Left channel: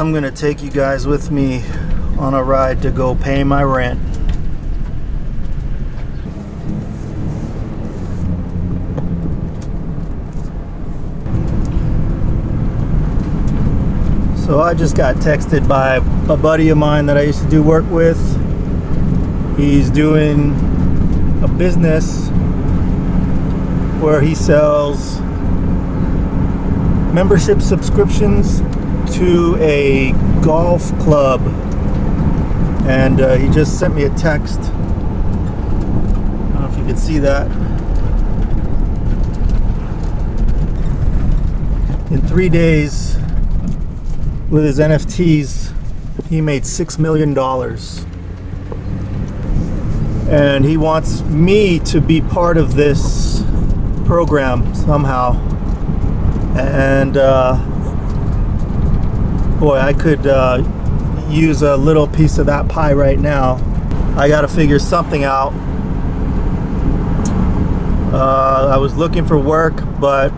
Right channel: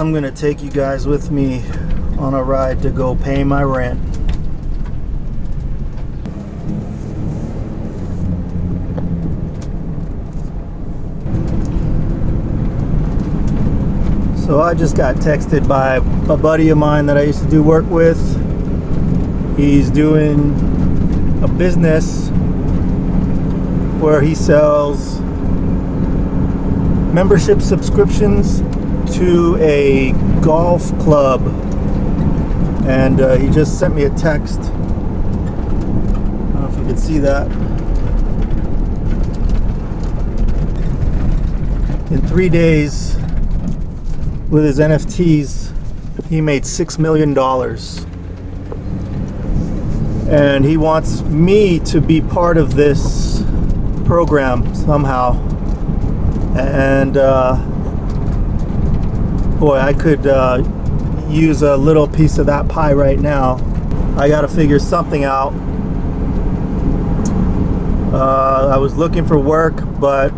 I'm gonna take you guys with me on a ride to go pay my rent. So I just got texted by a buddy of mine that I used to do work with. He's doing a business where he sells membership subscriptions to a golf club, and he just sent me a text. I don't know if you can see that. In 3 days with his NFTs, he made $6 million, and he wants me to be part of this program somehow. And boy, I could use a little piece of that pie right now. I gotta figure something out. I was looking for work, but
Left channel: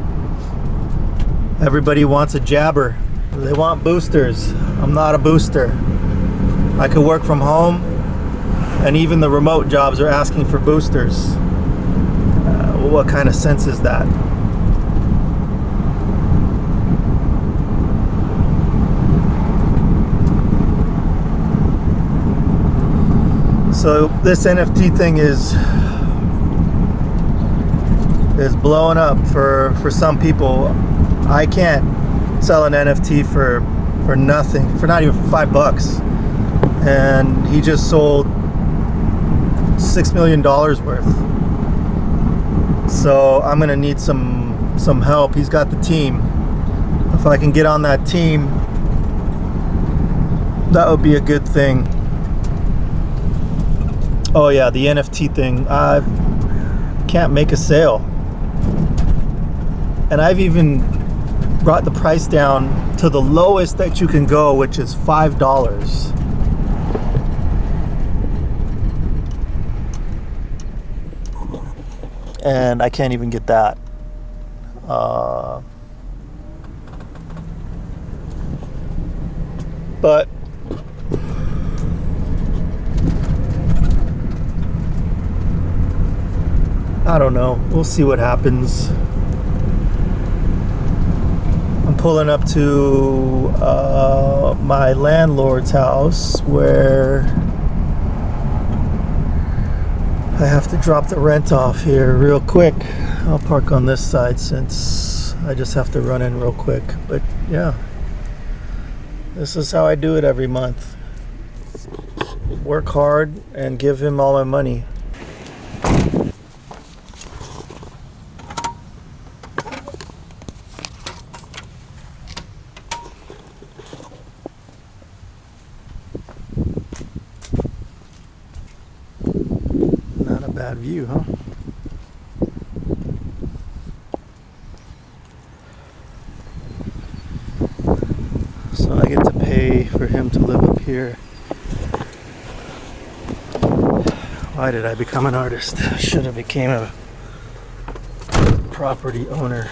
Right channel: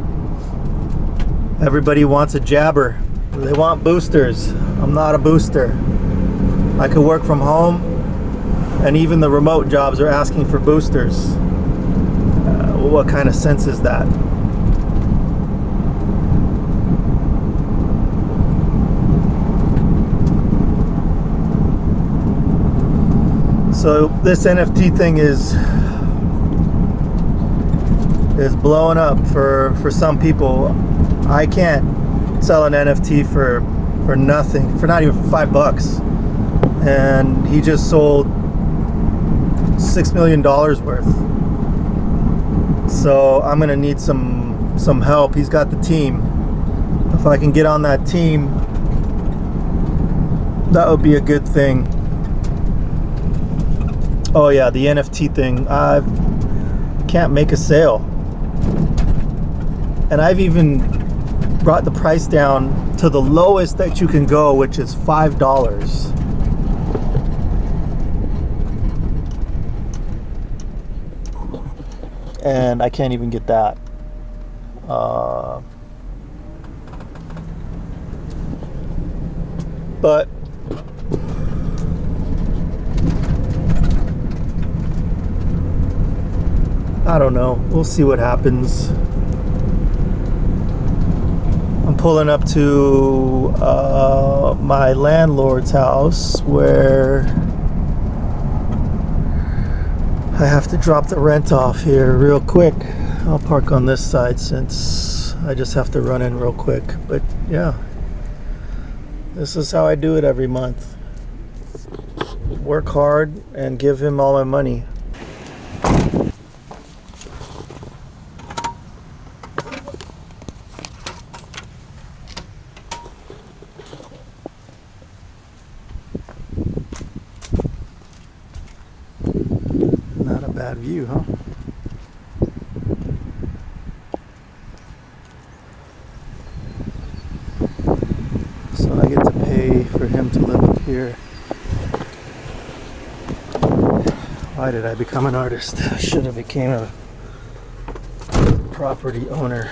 everybody wants a jabber. They want boosters. I'm not a booster. I could work from home, and even the remote jobs are asking for boosters. What kind of sense is that? So this NFT thing is blowing up for some people. I can't sell an NFT for nothing, for not even $5. And he just sold $6 million worth. So I'm gonna need some help. He's got the team. If I can get on that team, that would be a good thing. Oh yeah, the NFT thing. I can't make a sale. And I've even brought the price down to the lowest that you can go, which is $5. And I can't even get that. But I don't know. We'll see what happens. I'm pulling up to my landlord's house where I have to drop the rent off here real quick. I'll park on this side since I just have to run in real quick. But yeah, this is how I do it every month. Work hard and give him all my money. Not a bad view, huh? So I get to pay for him to live up here. Why did I become an artist? I should have became a property owner.